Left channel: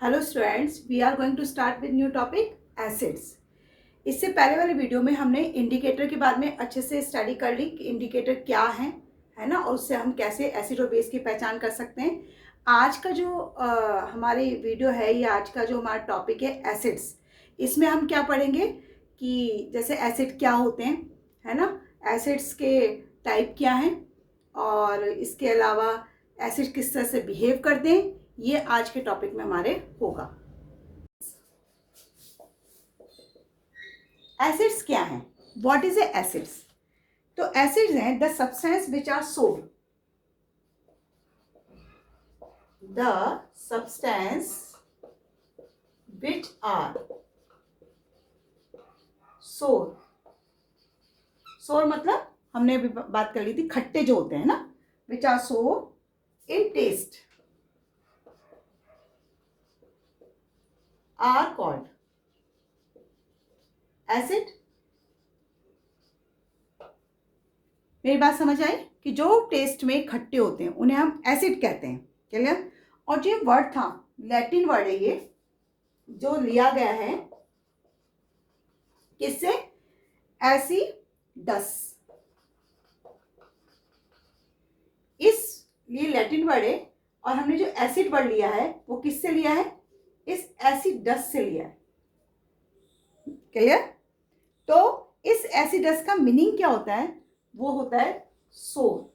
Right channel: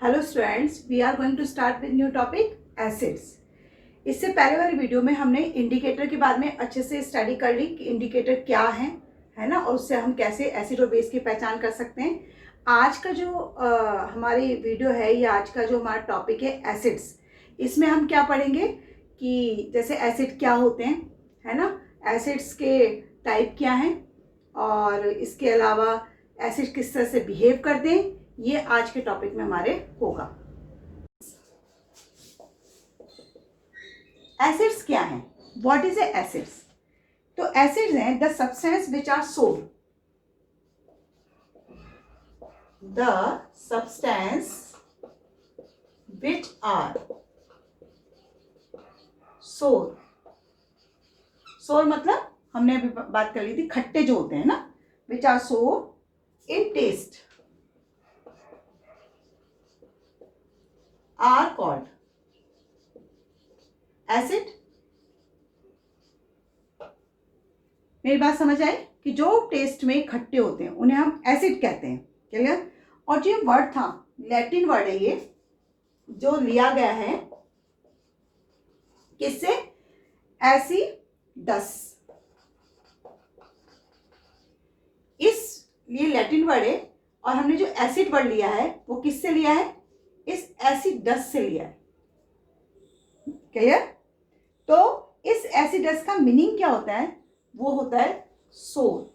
Hello students, we are going to start with new topic acids. इससे पहले वाले video में हमने इंडिकेटर के बारे में अच्छे से स्टडी कर ली कि इंडिकेटर क्या है ना, और उससे हम कैसे एसिड और बेस की पहचान कर सकते हैं। आज का जो हमारी वीडियो है या आज का जो हमारा टॉपिक है एसिड्स, इसमें हम क्या पढ़ेंगे कि जैसे एसिड क्या होते हैं, है ना, एसिड्स के टाइप क्या हैं, और इसके अलावा एसिड किस तरह से बिहेव करते हैं, ये आज के टॉपिक में हमारे होगा। एसिड्स क्या हैं? What is a acids? तो एसिड्स हैं द सब्सटेंस विच आर सोर, द सब्सटेंस विच आर सोर। सोर मतलब हमने अभी बात कर ली थी, खट्टे जो होते हैं ना, विच आर सोर इन टेस्ट आर कॉल्ड एसिड। मेरी बात समझ आई कि जो टेस्ट में खट्टे होते हैं उन्हें हम एसिड कहते हैं। क्लियर? और जो वर्ड था, लैटिन वर्ड है ये, जो लिया गया है किससे? एसिडस। इस ये लैटिन वर्ड है, और हमने जो एसिड वर्ड लिया है वो किससे लिया है? इस एसिडस से लिया है। क्लियर? तो इस एसिडस का मीनिंग क्या होता है? वो होता है सोर।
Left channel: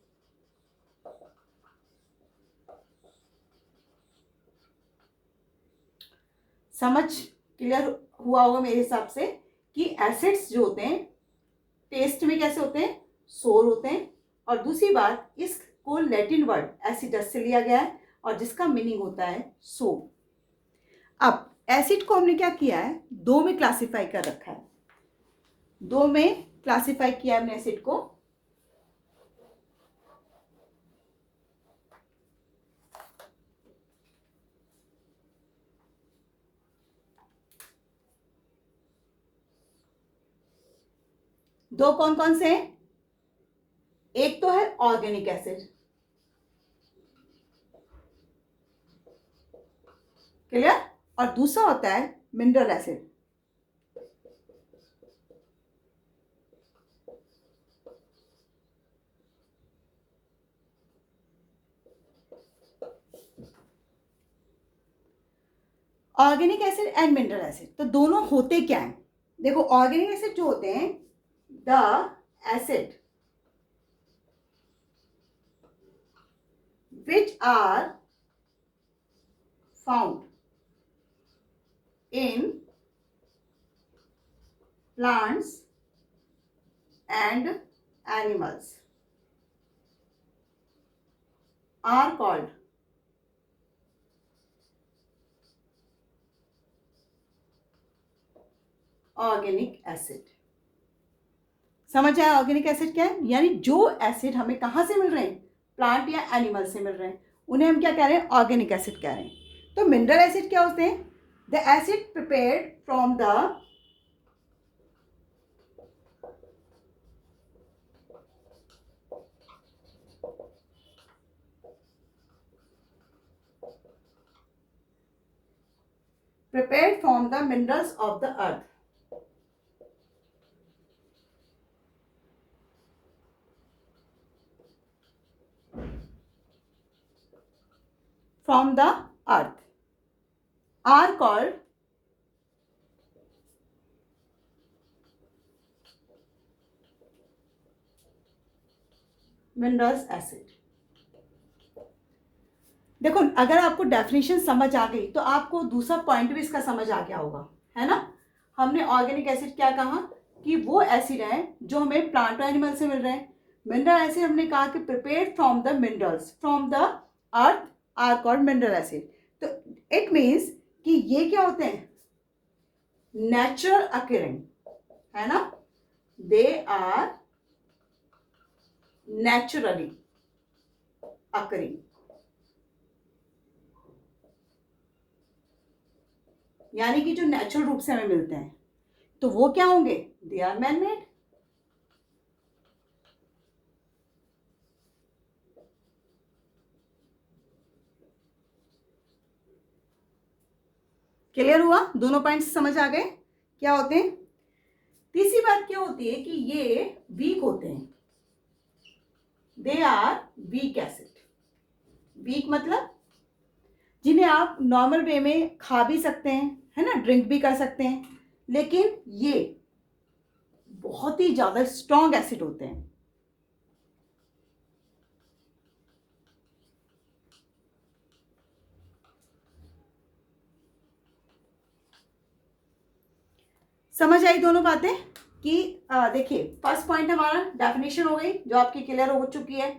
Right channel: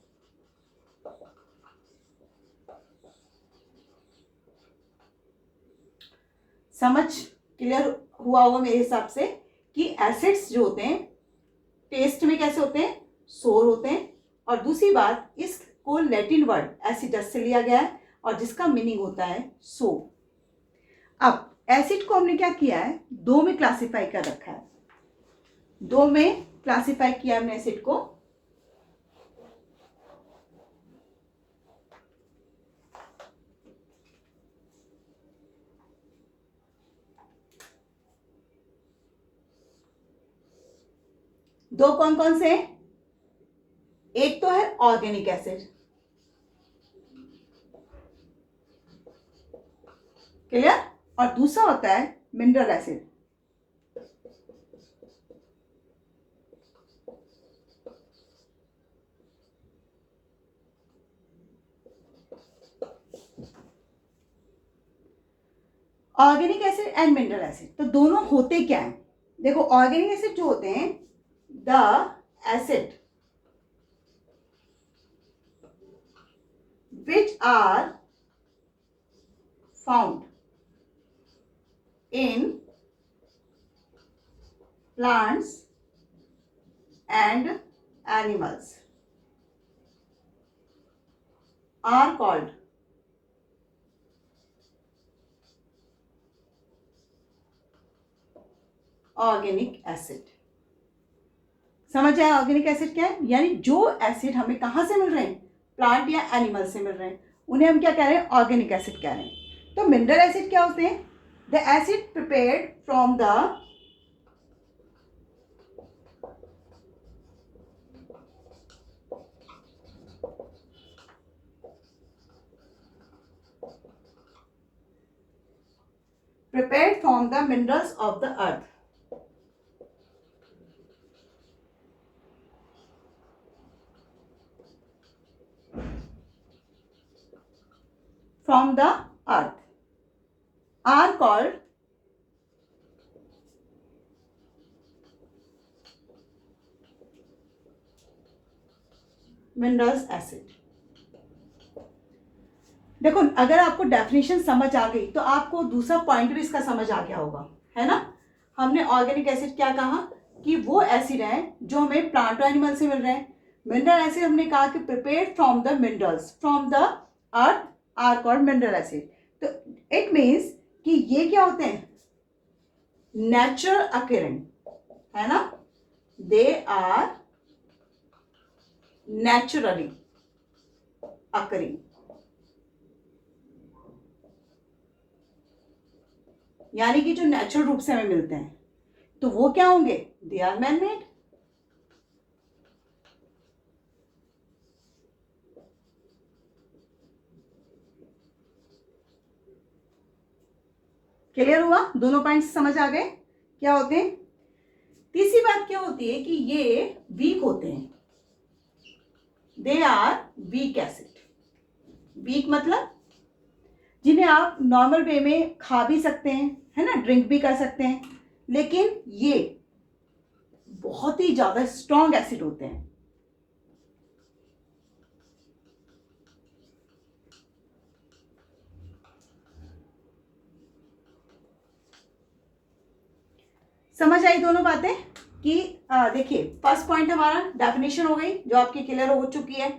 समझ क्लियर हुआ होगा मेरे हिसाब से कि एसिड्स जो होते हैं टेस्ट में कैसे होते हैं? सोर होते हैं। और दूसरी बात, इसको लैटिन वर्ड एसिडस से लिया गया है और जिसका मीनिंग होता है सोर। अब एसिड को हमने क्या किया है? दो में क्लासिफाई कर रखा है। दो में क्लासिफाई किया हमने एसिड को। दो कौन कौन से हैं? एक तो है ऑर्गेनिक एसिड, क्लियर, और दूसरा होता है mineral acid. Organic acid and mineral acid, तो दोनों होते क्या हैं? देखो, ऑर्गेनिक एसिड जो होते हैं, the acid which are found in plants and animals are called organic acid. समझ आया ऑर्गेनिक एसिड क्या है? यानी जो एसिड हमें कहां से मिल रहे हैं? प्लांट या एनिमल से मिल रहे हैं, उन्हें हम क्या कह रहे हैं? ऑर्गेनिक एसिड कह रहे हैं। तो मिनरल एसिड क्या होते हैं? The acid prepared from the minerals of the earth। From the earth are called minerals acid। देखो, अगर आपको डेफिनेशन समझ आ गई तो आपको दूसरा पॉइंट भी इसका समझ आ गया होगा, है ना। हमने ऑर्गेनिक एसिड क्या कहा कि वो एसिड है जो हमें प्लांट और एनिमल से मिल रहे हैं। मिनरल एसिड हमने कहा कि prepared from the minerals from the earth are called mineral acid. तो इट मीन्स कि ये क्या होते हैं? नेचुरल अकरिंग, है ना, दे आर नेचुरली अकरिंग, यानी कि जो नेचुरल रूप से हमें मिलते हैं, तो वो क्या होंगे? They are man made. Clear हुआ? दोनों पॉइंट्स समझ आ गए क्या होते हैं? तीसरी बात क्या होती है कि ये वीक होते हैं, they are weak acid. Weak मतलब जिन्हें आप नॉर्मल वे में खा भी सकते हैं, है ना, ड्रिंक भी कर सकते हैं, लेकिन ये बहुत ही ज्यादा स्ट्रॉन्ग एसिड होते हैं। समझ आई दोनों बातें कि देखिए, फर्स्ट पॉइंट हमारा डेफिनेशन हो गई जो आपकी क्लियर हो चुकी है।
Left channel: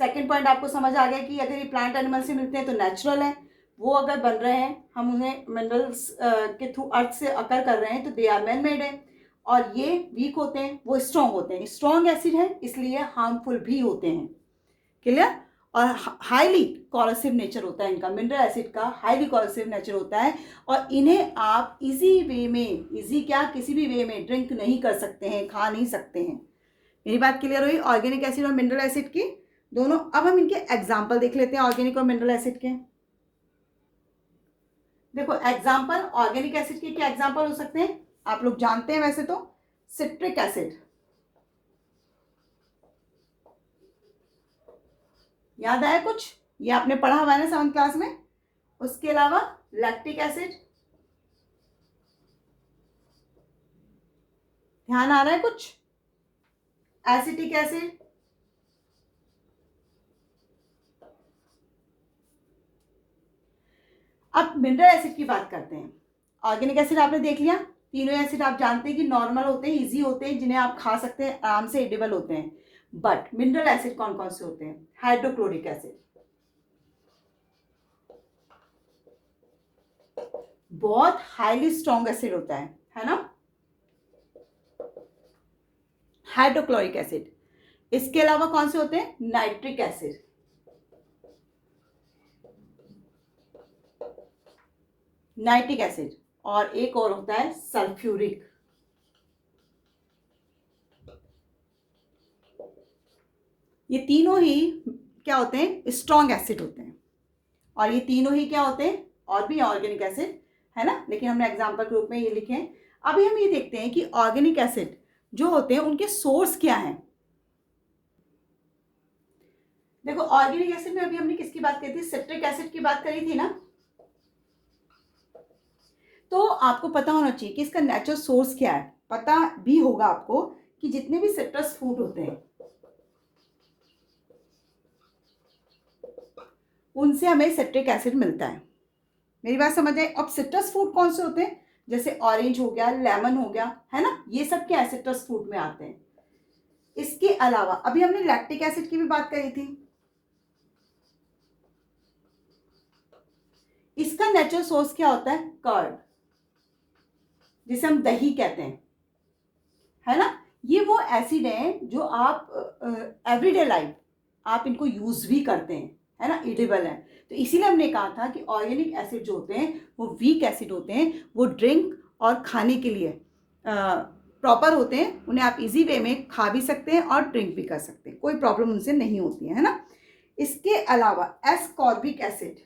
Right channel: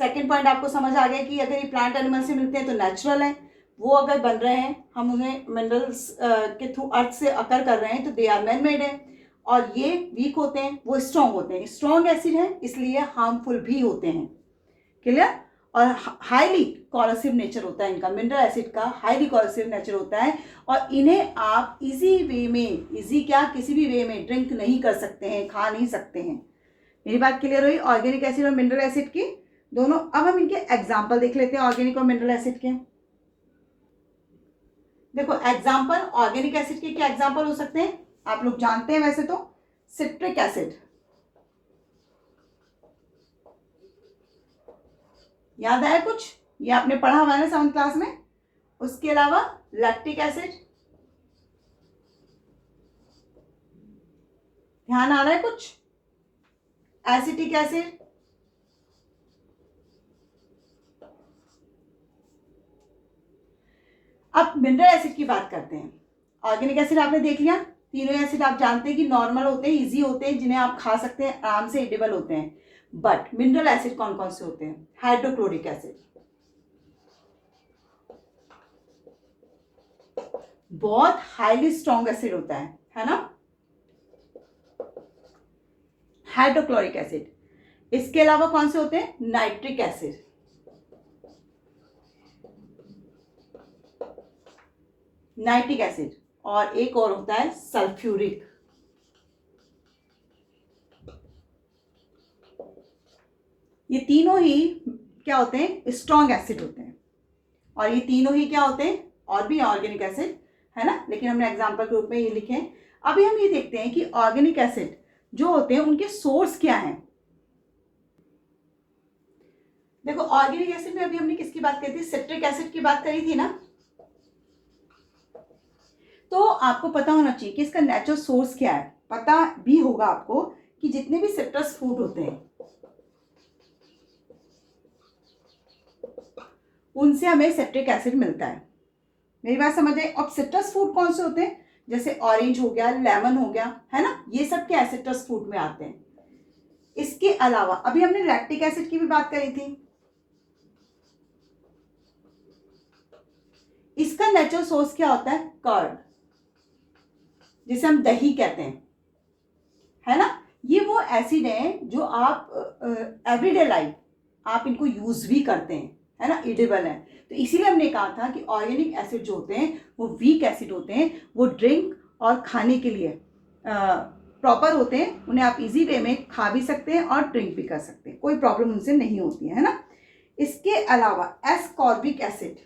सेकंड पॉइंट आपको समझ आ गया कि अगर ये प्लांट एनिमल से मिलते हैं तो नेचुरल है, वो अगर बन रहे हैं, हम उन्हें मिनरल्स के थ्रू अर्थ से अकर कर रहे हैं तो दे आर मैन मेड है। और ये वीक होते हैं, वो स्ट्रॉन्ग होते हैं, स्ट्रॉन्ग एसिड है इसलिए हार्मफुल भी होते हैं। क्लियर? और हाईली कॉरोसिव नेचर होता है इनका, मिनरल एसिड का हाईली कॉरोसिव नेचर होता है, और इन्हें आप इजी वे में, इजी क्या, किसी भी वे में ड्रिंक नहीं कर सकते हैं, खा नहीं सकते हैं। मेरी बात क्लियर हुई ऑर्गेनिक एसिड और मिनरल एसिड की दोनों? अब हम इनके एग्जाम्पल देख लेते हैं ऑर्गेनिक और मिनरल एसिड के। देखो एग्जाम्पल ऑर्गेनिक एसिड के क्या एग्जाम्पल हो सकते हैं, आप लोग जानते हैं वैसे तो, सिट्रिक एसिड, याद आया कुछ? ये आपने पढ़ा हुआ है ना 7th क्लास में। उसके अलावा लैक्टिक एसिड, ध्यान आ रहा है कुछ? एसिटिक एसिड, अब मिनरल एसिड की बात करते हैं। ऑर्गेनिक एसिड आपने देख लिया, तीनों एसिड आप जानते हैं कि नॉर्मल होते हैं, इजी होते हैं, जिन्हें आप खा सकते हैं, आराम से एडिबल होते हैं। बट मिनरल एसिड कौन कौन से होते हैं? हाइड्रोक्लोरिक एसिड, बहुत हाईली स्ट्रॉन्ग एसिड होता है ना, हाइड्रोक्लोरिक एसिड। इसके अलावा कौन से होते हैं? नाइट्रिक एसिड, नाइट्रिक एसिड, और एक और होता है सल्फ्यूरिक। ये तीनों ही क्या होते हैं? स्ट्रॉन्ग एसिड होते हैं। और ये तीनों ही क्या होते हैं? और भी ऑर्गेनिक एसिड, है ना, लेकिन हमने एग्जाम्पल के रूप में ये लिखे हैं। अभी हम ये देखते हैं कि ऑर्गेनिक एसिड जो होते हैं उनके सोर्स क्या हैं। देखो ऑर्गेनिक एसिड में अभी हमने किसकी बात करी थी? सिट्रिक एसिड की बात करी थी ना। तो आपको पता होना चाहिए कि इसका नेचुरल सोर्स क्या है। पता भी होगा आपको कि जितने भी सिट्रस फ्रूट होते हैं उनसे हमें सिट्रिक एसिड मिलता है। मेरी बात समझ आए? अब सिट्रस फ्रूट कौन से होते हैं? जैसे ऑरेंज हो गया, लेमन हो गया, है ना, ये सब क्या है? सिट्रस फ्रूट में आते हैं। इसके अलावा अभी हमने लैक्टिक एसिड की भी बात करी थी। इसका नेचुरल सोर्स क्या होता है? कर्ड, जिसे हम दही कहते हैं, है ना। ये वो एसिड है जो आप एवरीडे लाइफ आप इनको यूज भी करते हैं, है ना, एडिबल है। तो इसीलिए हमने कहा था कि ऑर्गेनिक एसिड जो होते हैं वो वीक एसिड होते हैं, वो ड्रिंक और खाने के लिए प्रॉपर होते हैं, उन्हें आप इजी वे में खा भी सकते हैं और ड्रिंक भी कर सकते हैं, कोई प्रॉब्लम उनसे नहीं होती है ना। इसके अलावा एस्कॉर्बिक एसिड,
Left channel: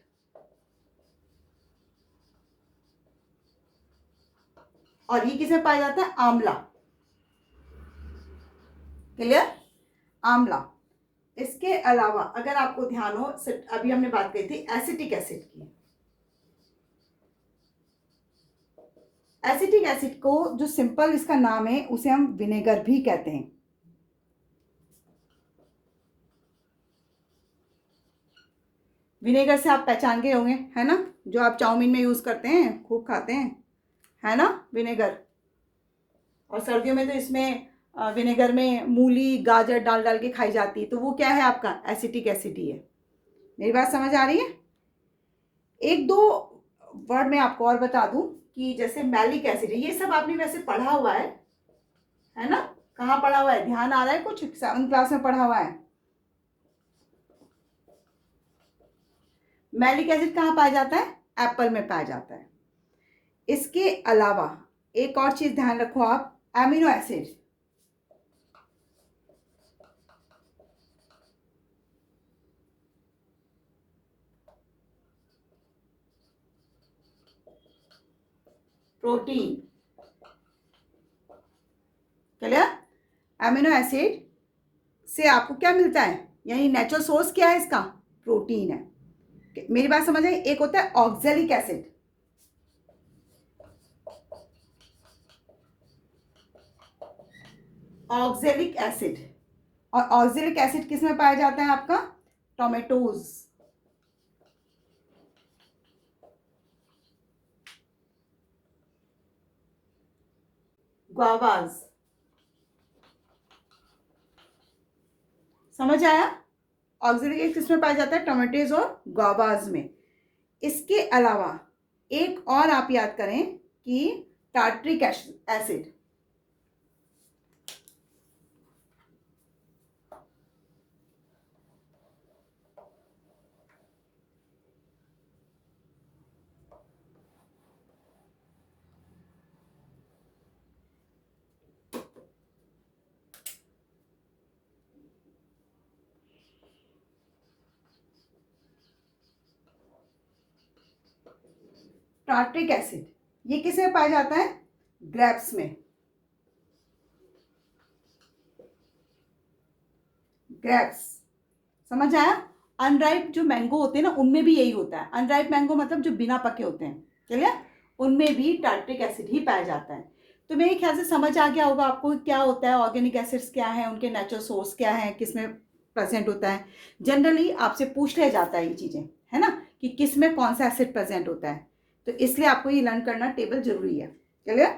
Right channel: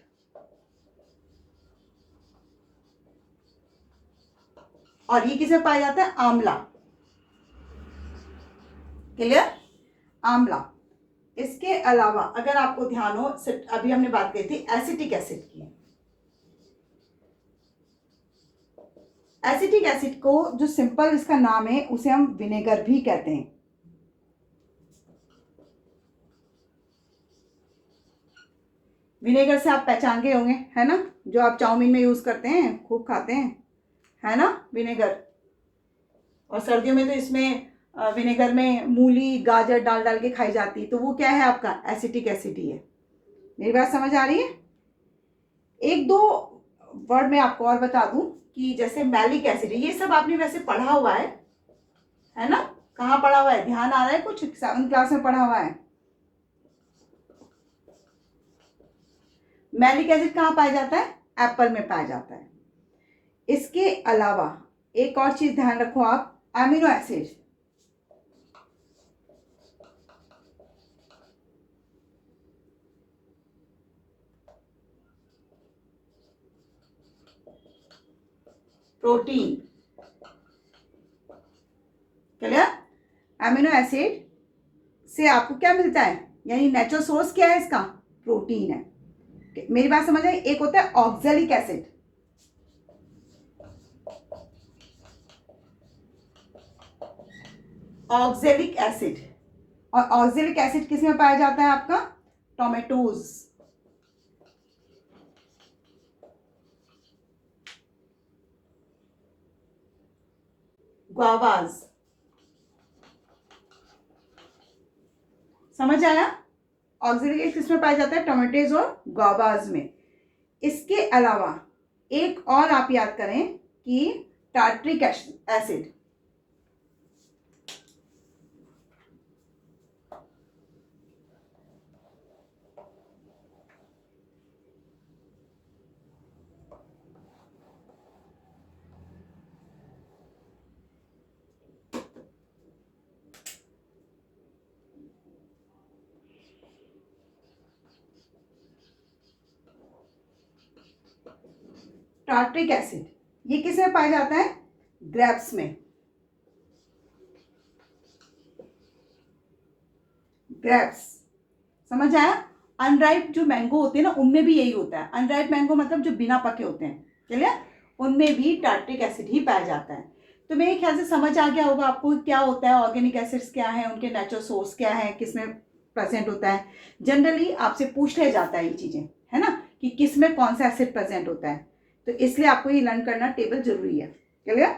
और ये किसमें पाया जाता है? आंवला। क्लियर? आंवला। इसके अलावा अगर आपको ध्यान हो, अभी हमने बात करी थी एसिटिक एसिड की। एसिटिक एसिड को जो सिंपल इसका नाम है उसे हम विनेगर भी कहते हैं। विनेगर से आप पहचान गए होंगे, है ना, जो आप चाउमीन में यूज करते हैं, खूब खाते हैं, है ना, विनेगर। और सर्दियों में तो इसमें विनेगर में मूली गाजर डाल डाल के खाई जाती है, तो वो क्या है? आपका एसिटिक एसिड ही है। मेरी बात समझ आ रही है? एक दो वर्ड में आपको और बता दूं कि जैसे मैलिक एसिड है, ये सब आपने वैसे पढ़ा हुआ है ना। कहाँ पढ़ा हुआ है? ध्यान आ रहा है कुछ? 7th क्लास में पढ़ा हुआ है। मैलिक एसिड कहाँ पाया जाता है? एप्पल में पाया जाता है। इसके अलावा एक और चीज ध्यान रखो आप, amino acid. Protein. Clear? Amino acid से आपको क्या मिलता है, यानी नेचुरल सोर्स क्या है इसका, प्रोटीन है। मेरी बात समझ आई? एक होता है ऑक्जेलिक एसिड, ऑक्जेलिक एसिड, और ऑक्जेलिक एसिड किस में पाया जाता है आपका, टोमेटोज, ग्वावाज। समझ आया? ऑक्जेलिक एसिड किस में पाया जाता है, टोमेटोज और ग्वावाज में। इसके अलावा एक और आप याद करें कि टार्ट्रिक एसिड, टार्ट्रिक एसिड, ये किस में पाया जाता है, ग्रेप्स में। ग्रेप्स, समझ आया? अनराइप जो मैंगो होते हैं ना, उनमें भी यही होता है। अनराइप मैंगो मतलब जो बिना पके होते हैं, क्लियर? उनमें भी टार्ट्रिक एसिड ही पाया जाता है। तो मेरे ख्याल से समझ आ गया होगा आपको क्या होता है, ऑर्गेनिक एसिड्स क्या है, उनके नेचुरल सोर्स क्या है, किस में प्रेजेंट होता है। जनरली आपसे पूछ लिया जाता है ये चीज़ें, है ना, कि किस में कौन सा एसिड प्रेजेंट होता है, तो इसलिए आपको ये लर्न करना टेबल जरूरी है। क्लियर?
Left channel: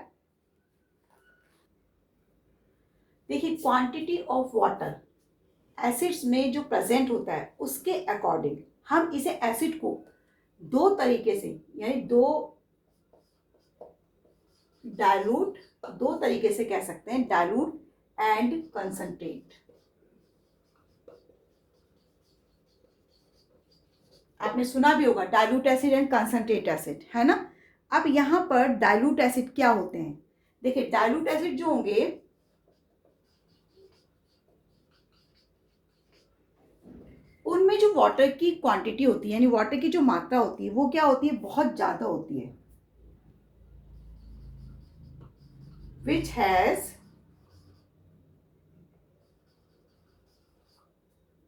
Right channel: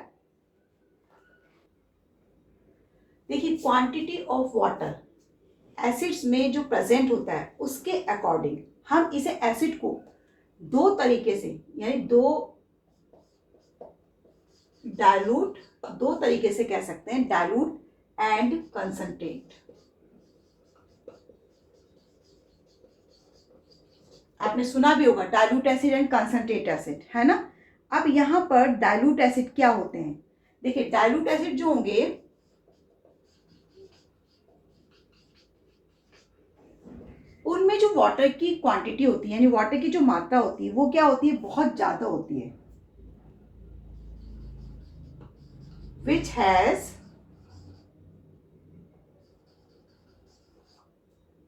देखिए, क्वांटिटी ऑफ वाटर एसिड्स में जो प्रेजेंट होता है उसके अकॉर्डिंग हम इसे एसिड को दो तरीके से, यानी दो तरीके से कह सकते हैं, डाइल्यूट एंड कंसंट्रेट। आपने सुना भी होगा dilute acid and concentrate acid, है ना। अब यहां पर डाइल्यूट एसिड क्या होते हैं, देखिए डाइल्यूट एसिड जो होंगे उनमें जो वाटर की क्वांटिटी होती है, यानी वाटर की जो मात्रा होती है, वो क्या होती है, बहुत ज्यादा होती है, which has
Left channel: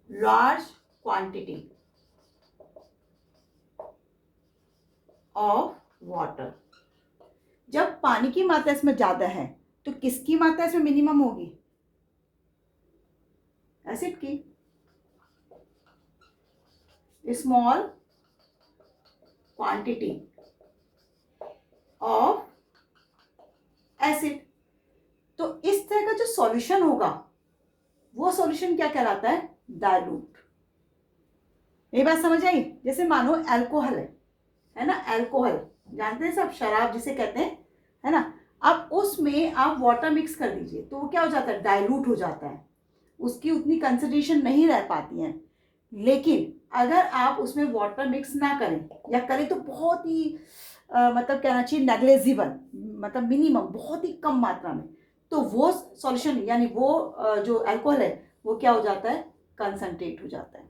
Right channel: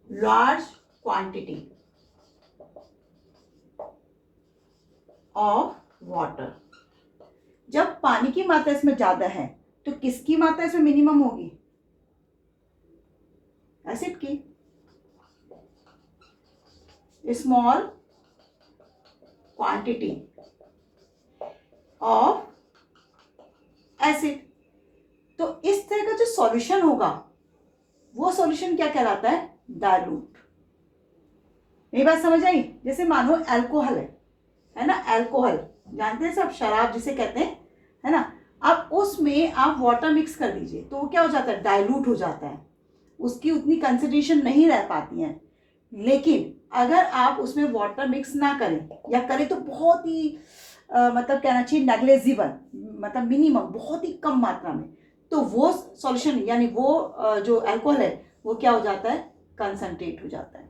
large quantity of water। जब पानी की मात्रा इसमें ज्यादा है तो किसकी मात्रा इसमें मिनिमम होगी, एसिड की। Small quantity of acid. तो इस तरह का जो सॉल्यूशन होगा वो सॉल्यूशन क्या कहलाता है, डाइल्यूट। मेरी बात समझ आई? जैसे मानो अल्कोहल है ना, अल्कोहल जानते हैं सब, शराब जिसे कहते हैं, है ना। अब उसमें आप वाटर मिक्स कर दीजिए तो वो क्या हो जाता है, डाइल्यूट हो जाता है, उसकी उतनी कंसंट्रेशन नहीं रह पाती है। लेकिन अगर आप उसमें वाटर मिक्स ना करें, या करें तो बहुत ही मतलब कहना चाहिए नेग्लेजिबल, मतलब मिनिमम, बहुत ही कम मात्रा में, तो वो सॉल्यूशन यानी वो जो अल्कोहल है वो क्या हो जाता है, कंसंट्रेट हो जाता है।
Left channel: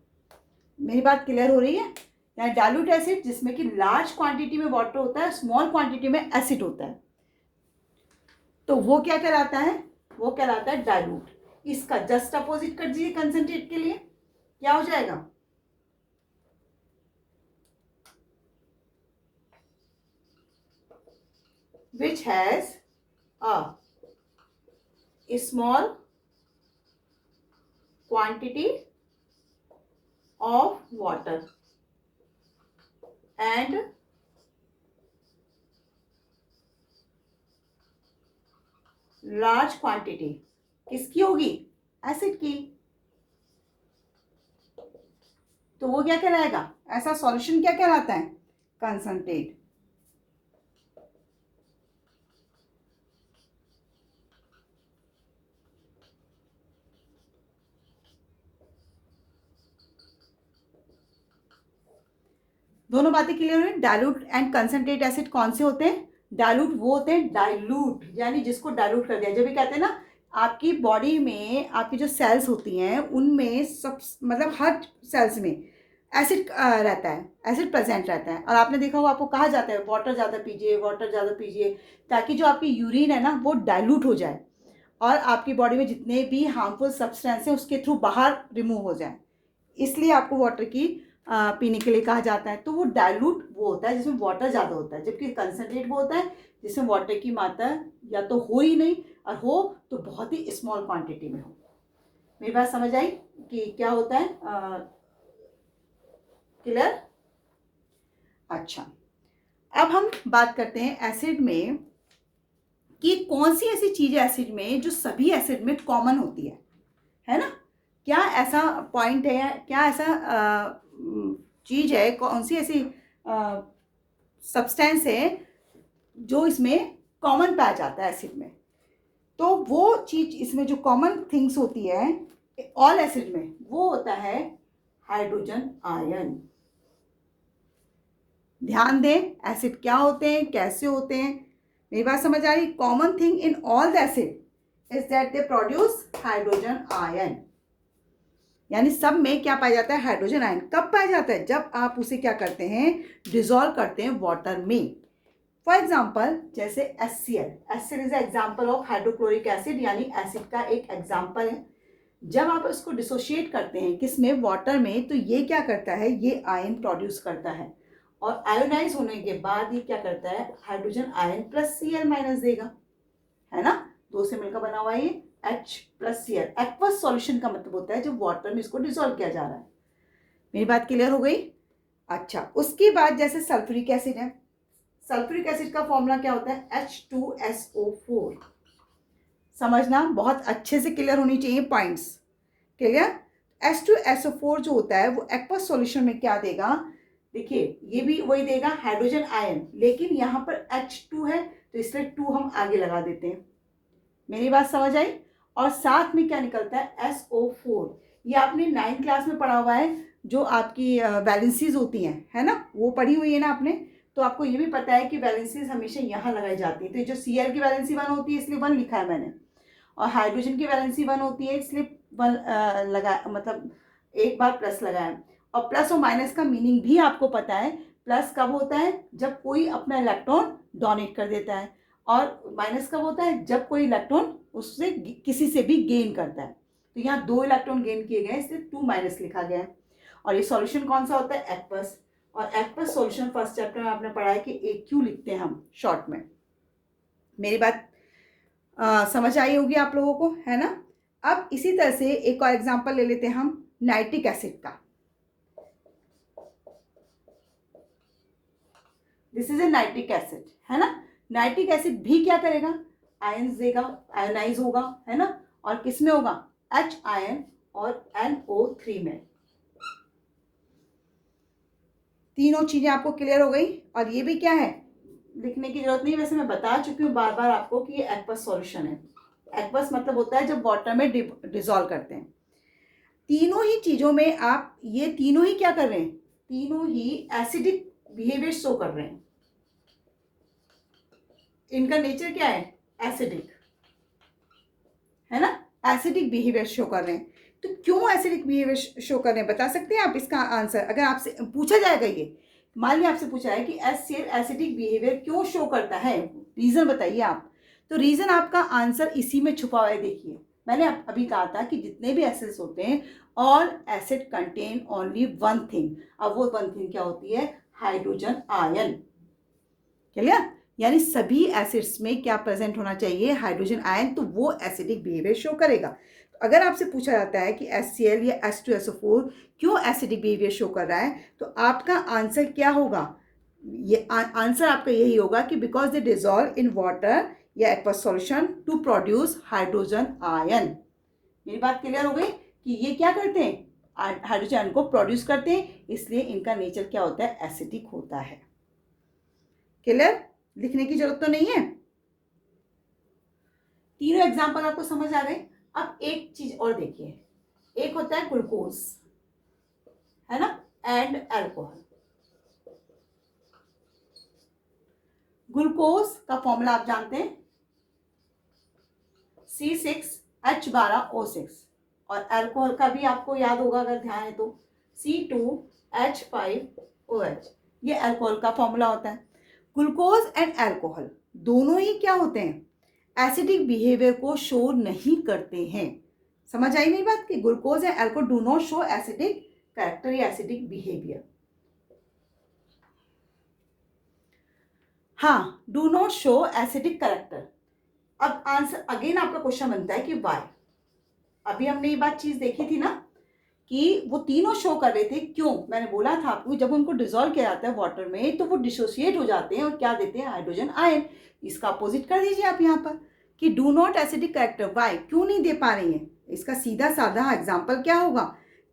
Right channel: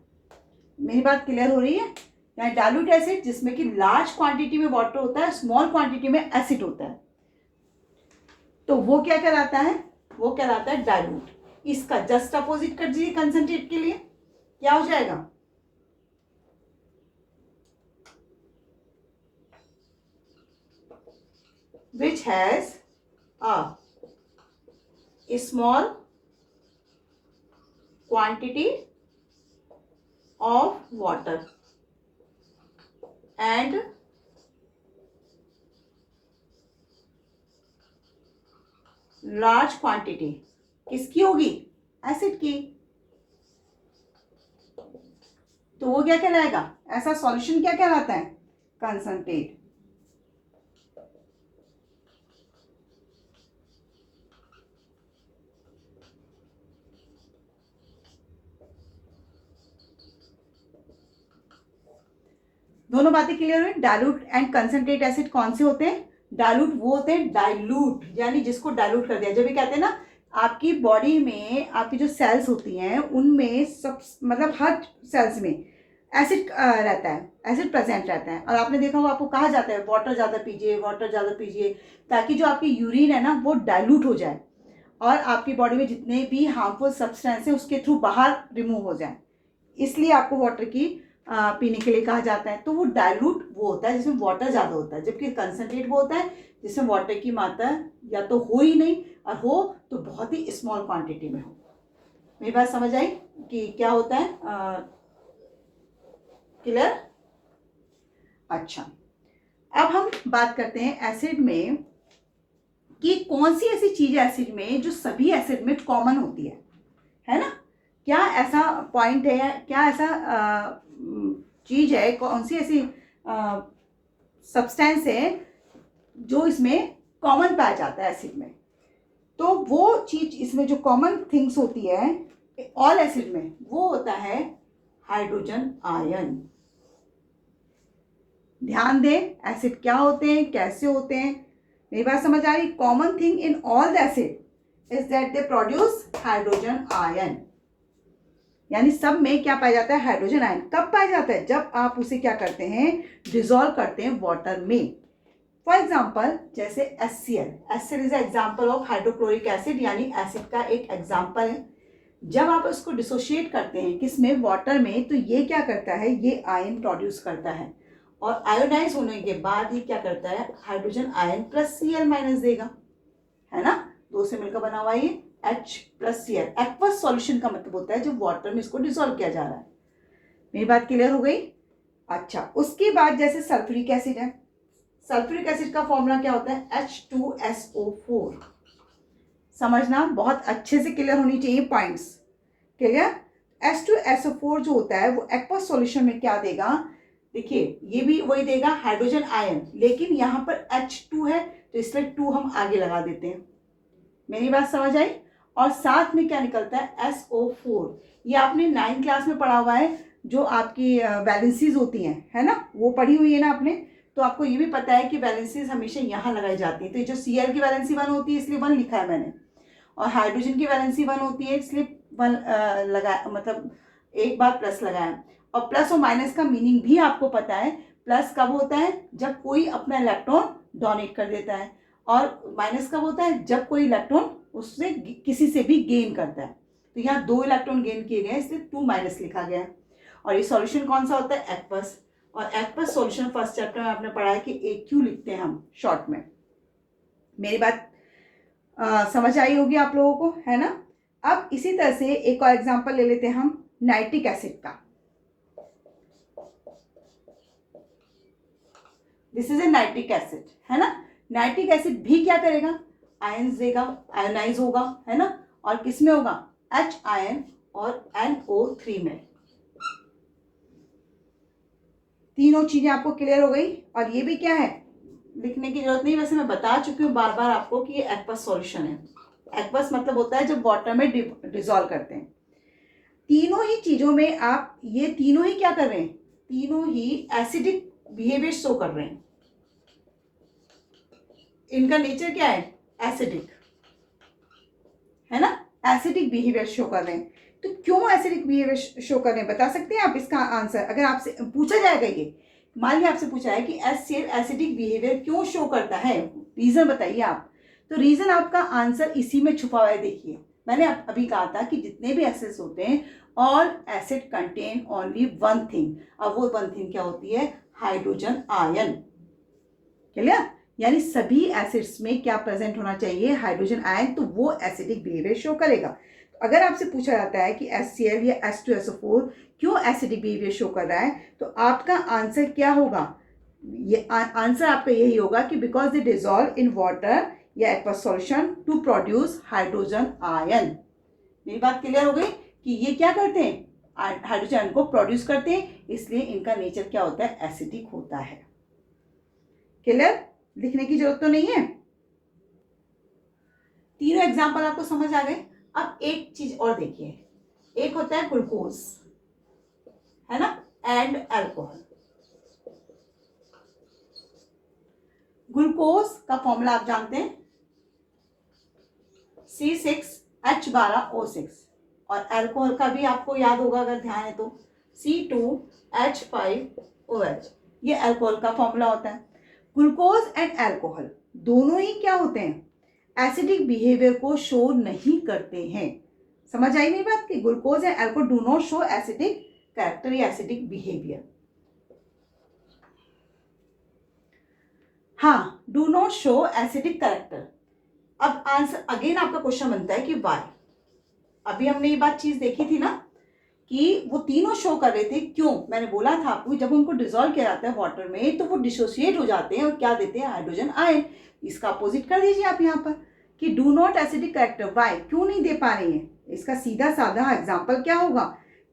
मेरी बात क्लियर हो रही है? यहाँ डाइल्यूट एसिड जिसमें कि लार्ज क्वांटिटी में वाटर होता है, स्मॉल क्वांटिटी में एसिड होता है, तो वो क्या कहलाता है, वो कहलाता है डाइल्यूट। इसका जस्ट अपोजिट कर दीजिए कंसंट्रेट के लिए, क्या हो जाएगा, which has a small quantity of water and large quantity किसकी होगी, एसिड की। तो वो क्या कहलाएगा, ऐसा सॉल्यूशन क्या कहलाता है, कंसंट्रेट। दोनों बातें क्लियर हुई? डाइल्यूट एंड कंसंट्रेट एसिड कौन से होते हैं, डाइल्यूट वो होते हैं, डाइल्यूट यानी जिसको डाइल्यूट कर दिया। जब भी कहते हैं ना, आपकी बॉडी में आपकी जो सेल्स होती हैं उनमें सब, मतलब हर सेल्स में एसिड रहता है, एसिड प्रेजेंट रहता है। और आपने देखा होगा, आपको कहा जाता है वाटर ज़्यादा पीजिए, वाटर ज़्यादा पीजिए, ताकि जो आपकी यूरिन है ना वो डाइल्यूट हो जाए और आपकी बॉडी में जितने भी हार्मफुल सब्सटेंस हैं उसके थ्रू बाहर रिमूव हो जाए। इसलिए आपको वाटर की पीने के लिए कहा जाता है। तो वो डाइल्यूट वो होता है जिसमें वाटर ज़्यादा होता है, जबकि कंसनट्रेट वो होता है जिसमें वाटर की मात्रा या तो हो ही नहीं, और हो तो बहुत ही स्मॉल क्वांटिटी में हो। मेरी बात समझ आई कि क्या होता है? क्लियर? अच्छा, अब हम बात करते हैं एसिड में कि कौन सी ऐसी चीज है एसिड में जो सभी एसिड में कॉमन होती है ना? क्या ऐसा पॉइंट है या क्या ऐसा चीज है, कौन सी ऐसी सब्सटेंस है जो इसमें कॉमन पाया जाता है एसिड में? तो वो चीज इसमें जो कॉमन थिंग्स होती है ऑल एसिड में, वो होता है हाइड्रोजन आयन। ध्यान दें, एसिड क्या होते हैं, कैसे होते हैं। मेरी बात समझ आ रही? Common thing in all the acid is that they produce hydrogen ion. यानी सब में क्या पाया जाता है? Hydrogen ion. कब पाया जाता है? जब आप उसे क्या करते हैं? डिसॉल्व करते हैं वाटर में। फॉर एग्जाम्पल जैसे HCl, HCl is example of hydrochloric acid, यानी एसिड का एक एग्जाम्पल है। जब आप इसको डिसोशिएट करते हैं किसमें? वाटर में, तो ये क्या करता है? ये आयन प्रोड्यूस करता है और आयोनाइज होने के बाद ये क्या करता है? Hydrogen ion plus Cl minus देगा, है ना? दो से मिलकर बना हुआ ये H plus Cl। Aqueous solution का मतलब होता है जब वाटर में इसको डिसॉल्व किया जा रहा है। मेरी बात क्लियर हो गई? अच्छा, उसके बाद जैसे सल्फ्यूरिक एसिड है, सल्फ्यूरिक एसिड का फॉर्मूला क्या होता है? H2SO4। समझना बहुत अच्छे से क्लियर होनी चाहिए पॉइंट्स। क्लियर? H2SO4 जो होता है वो एक्वस सॉल्यूशन में क्या देगा? देखिए, ये भी वही देगा, हाइड्रोजन आयन, लेकिन यहाँ पर H2 है तो इसलिए 2 हम आगे लगा देते हैं। मेरी बात समझ आई? और साथ में क्या निकलता है? SO4। ये आपने 9th क्लास में पढ़ा हुआ है, जो आपकी वैलेंसीज होती हैं, है ना? वो पढ़ी हुई है ना आपने? तो आपको ये भी पता है कि वैलेंसीज हमेशा यहाँ लगाई जाती है। तो ये जो Cl की वैलेंसी 1 होती है इसलिए 1 लिखा है मैंने, और हाइड्रोजन की वैलेंसी 1 होती है इसलिए 1 लगा, मतलब एक बार प्लस लगाया। और प्लस और माइनस का मीनिंग भी आपको पता है। प्लस कब होता है? जब कोई अपना इलेक्ट्रॉन डोनेट कर देता है, और माइनस कब होता है? जब कोई इलेक्ट्रॉन उससे किसी से भी गेन करता है। तो यहाँ 2 इलेक्ट्रॉन गेन किए गए इसलिए 2 माइनस लिखा गया है। और ये सॉल्यूशन कौन सा होता है? एक्वस। और एक्वस सॉल्यूशन फर्स्ट चैप्टर में आपने पढ़ा है कि AQ लिखते हैं हम शॉर्ट में। मेरी बात समझ आई होगी आप लोगों को, है ना? अब इसी तरह से एक और एग्जांपल ले लेते हैं हम नाइट्रिक एसिड का। This is a nitric acid, है ना? नाइट्रिक एसिड भी क्या करेगा? आयंस देगा, आयोनाइज होगा, है ना? और किस में होगा? H आयन और NO3 में। तीनों चीजें आपको क्लियर हो गई। और ये भी क्या है? लिखने की जरूरत नहीं, वैसे मैं बता चुकी हूँ बार बार आपको कि ये एक्वस सॉल्यूशन है। एक्वस मतलब होता है जब वाटर में डिसॉल्व करते हैं। तीनों ही चीजों में आप ये तीनों ही क्या कर रहे हैं? तीनों ही एसिडिक बिहेवियर शो कर रहे हैं। इनका नेचर क्या है? एसिडिक, है ना? एसिडिक बिहेवियर शो कर रहे हैं। तो क्यों एसिडिक बिहेवियर शो कर रहे हैं, बता सकते हैं आप इसका आंसर? अगर आपसे पूछा जाएगा, ये मान लिया आपसे पूछा है कि HCl एसिडिक बिहेवियर क्यों शो करता है, रीजन बताइए आप। तो रीजन आपका आंसर इसी में छुपा हुआ है। देखिए, मैंने अभी कहा था कि जितने भी एसिड्स होते हैं, all acid contain only one thing. अब वो वन थिंग क्या होती है? Hydrogen ion. क्लियर? यानी सभी एसिड्स में क्या प्रेजेंट होना चाहिए? Hydrogen ion. तो वो एसिडिक बिहेवियर शो करेगा। तो अगर आपसे पूछा जाता है कि HCl या H2SO4 क्यों एसिडिक बिहेवियर शो कर रहा है, तो आपका आंसर क्या होगा? ये आंसर आपका यही होगा कि because they dissolve in water या aqueous solution to produce hydrogen ion. मेरी बात क्लियर हो गई कि ये क्या करते हैं? हाइड्रोजन आयन को प्रोड्यूस करते हैं, इसलिए इनका नेचर क्या होता है? एसिडिक होता है। क्लियर? लिखने की जरूरत तो नहीं है। तीनों एग्जांपल आपको समझ आ गए। अब एक चीज और देखिए, एक होता है ग्लूकोज, है ना, एंड अल्कोहल। ग्लूकोज का फॉर्मूला आप जानते हैं, C6H12O6। और अल्कोहल का भी आपको याद होगा अगर ध्यान है तो, C2H5OH, ये अल्कोहल का फॉर्मूला होता है। ग्लूकोज एंड अल्कोहल दोनों ही क्या होते हैं, एसिडिक बिहेवियर को शो नहीं करते हैं। समझ आई मेरी बात की? Glucose and alcohol do not show acidic character या एसिडिक बिहेवियर। हाँ, do not show acidic character. अब आंसर अगेन आपका क्वेश्चन बनता है कि वाई। अभी हमने ये बात चीज देखी थी ना कि वो तीनों शो कर रहे थे, क्यों? मैंने बोला था आपको, जब उनको डिसॉल्व किया जाता है वाटर में तो वो डिसोसिएट हो जाते हैं और क्या देते हैं, हाइड्रोजन आयन। इसका अपोजिट कर दीजिए आप यहाँ पर कि do not acidic character, why, क्यों नहीं दे पा रही है? इसका सीधा साधा एग्जाम्पल क्या होगा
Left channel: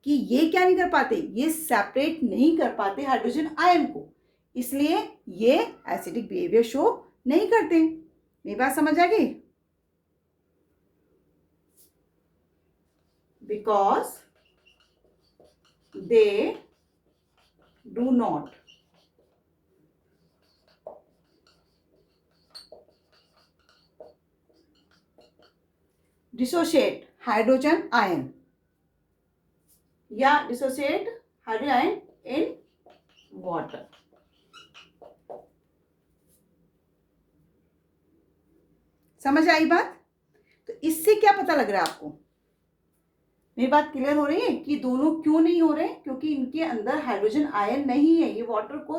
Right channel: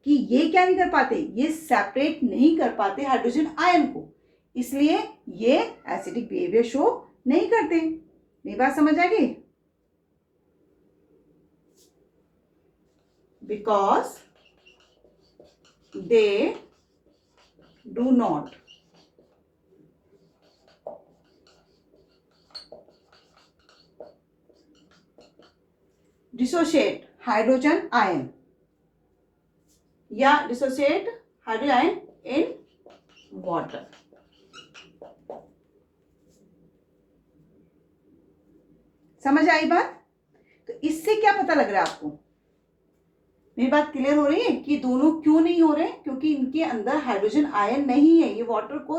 कि ये क्या नहीं कर पाते, ये सेपरेट नहीं कर पाते हाइड्रोजन आयन को, इसलिए ये एसिडिक बिहेवियर शो नहीं करते। मेरी बात समझ आ गई? Because they do not dissociate hydrogen ion या dissociate hydrogen ion in water। समझ आई बात? तो इससे क्या पता लग रहा है आपको? मेरी बात क्लियर हो रही है कि दोनों क्यों नहीं हो रहे? क्योंकि इनके अंदर हाइड्रोजन आयन नहीं है, ये वाटर को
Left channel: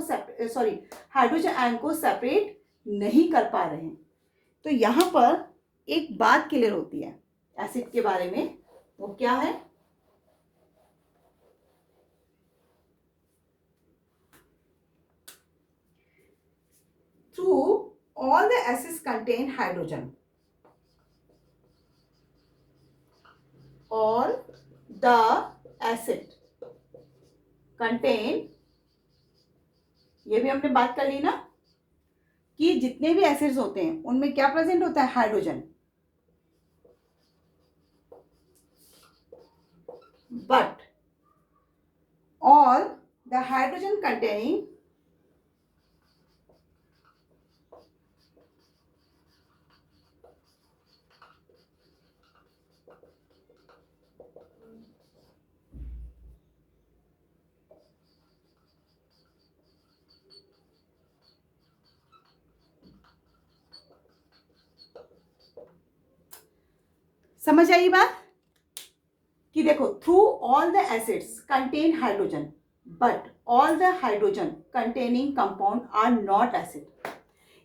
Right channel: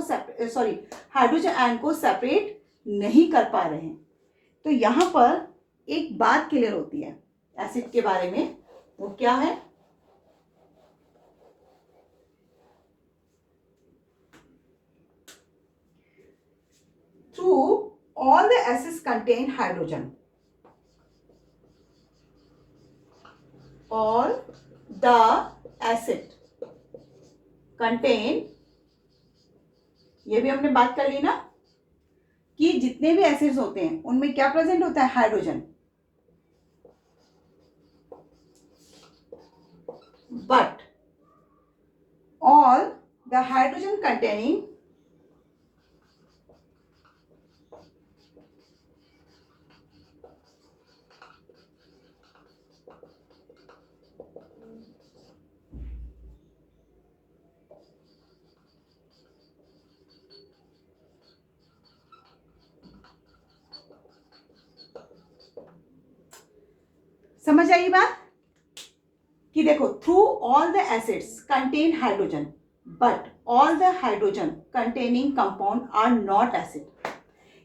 हाइड्रोजन आयन को सेपरेट नहीं कर पा रहे हैं। तो यहां पर एक बात क्लियर होती है एसिड के बारे में, वो क्या है? Through all the acids contain hydrogen, all the acid contain, ये भी हमने बात कर ली ना कि जितने भी एसिड्स होते हैं उनमें क्या प्रेजेंट होता है, hydrogen. But all the hydrogen containing समझ आई बात कि देखो, true all the acids contain hydrogen but all the hydrogen containing compound are not acid.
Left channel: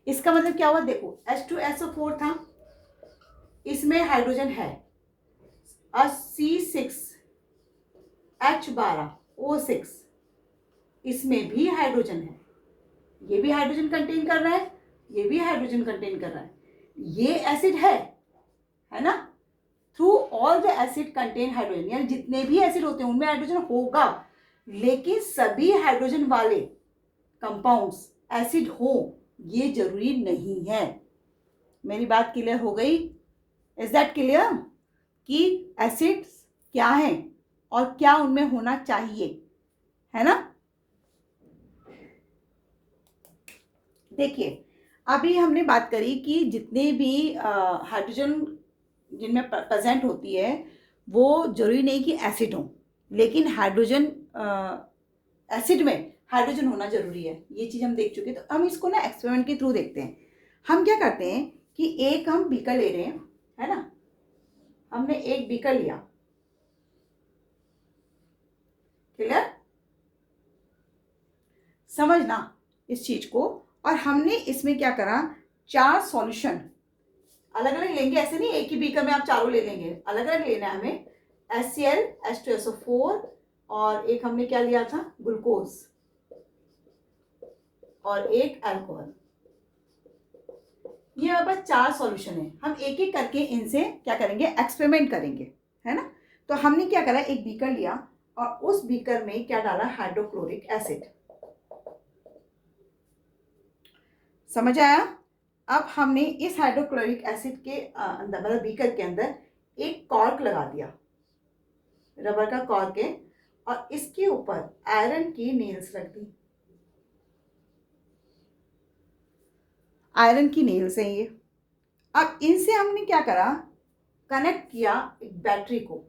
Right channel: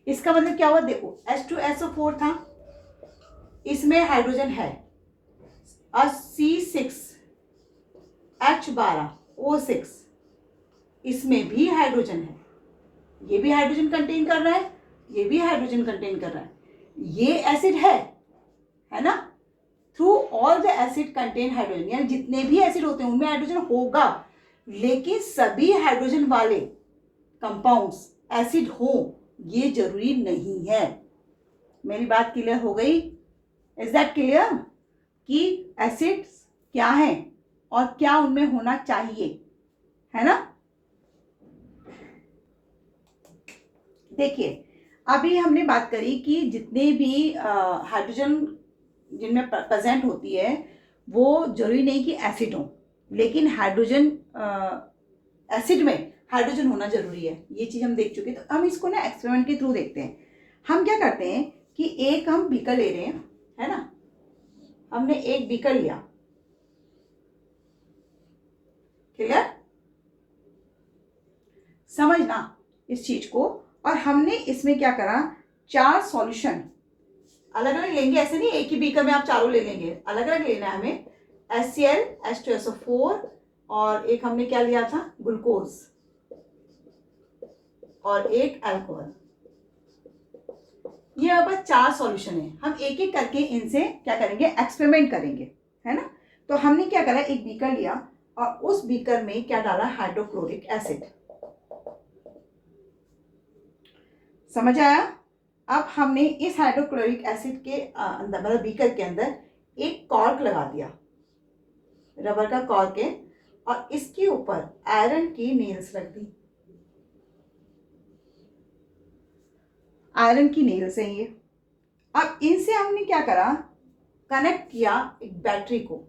इसका मतलब क्या हुआ? देखो, H2SO4 था, इसमें हाइड्रोजन है, C6H12O6, इसमें भी हाइड्रोजन है, ये भी हाइड्रोजन कंटेन कर रहा है, ये भी हाइड्रोजन कंटेन कर रहा है, ये एसिड है ना? Through all the acid contain hydrogen, यानी जितने भी एसिड होते हैं उनमें हाइड्रोजन होगा, लेकिन सभी हाइड्रोजन वाले कंपाउंड्स एसिड हो ये जरूरी नहीं है। मेरी बात क्लियर हो गई? इज दैट क्लियर कि एसिड्स क्या है और क्या उनमें होना चाहिए, है ना? देखिए, अभी हमने बात करी कि जितने भी हाइड्रोजन जिनमें प्रेजेंट होती है वो जरूरी नहीं कि एसिड हो, लेकिन हाइड्रोजन एसिड में हाइड्रोजन होना जरूरी है, ये चीज हम देख चुके हैं। तो हम इसको ना एक्सपेरिमेंट के थ्रू देखते हैं। हम क्या करते हैं कि एक हम बीकर ले रहे हैं, है ना? हमने एक बीकर लिया, क्लियर? समझना इस चीज को। और हमने इसमें क्या करा, 4 सॉल्यूशन अलग अलग लेंगे, ऐसे नहीं एक ही बीकर में आप चारों ले लेंगे, अलग अलग लेना है हमें। HCl, H2SO4 और एक हमने क्या लिया था, ग्लूकोज, और एक अल्कोहल। ये अब 4 सॉल्यूशन है। हम एक एक करके इनसे क्या करेंगे, एक्सपेरिमेंट करेंगे, है ना? तो हमने क्या करा, एक बीकर लिया और उस बीकर में क्या डाला, हाइड्रोक्लोरिक एसिड। समझ आया? अब हमने इस हाइड्रोक्लोरिक एसिड के अंदर, मतलब बीकर के अंदर एक कॉर्क लगा दिया, रबर का कॉर्क है, और इसके ऊपर आयरन की नेल्स रख दी। आयरन की नेल्स हैं ये। अब इनसे हमने क्या करा, कनेक्ट किया एक बैटरी को।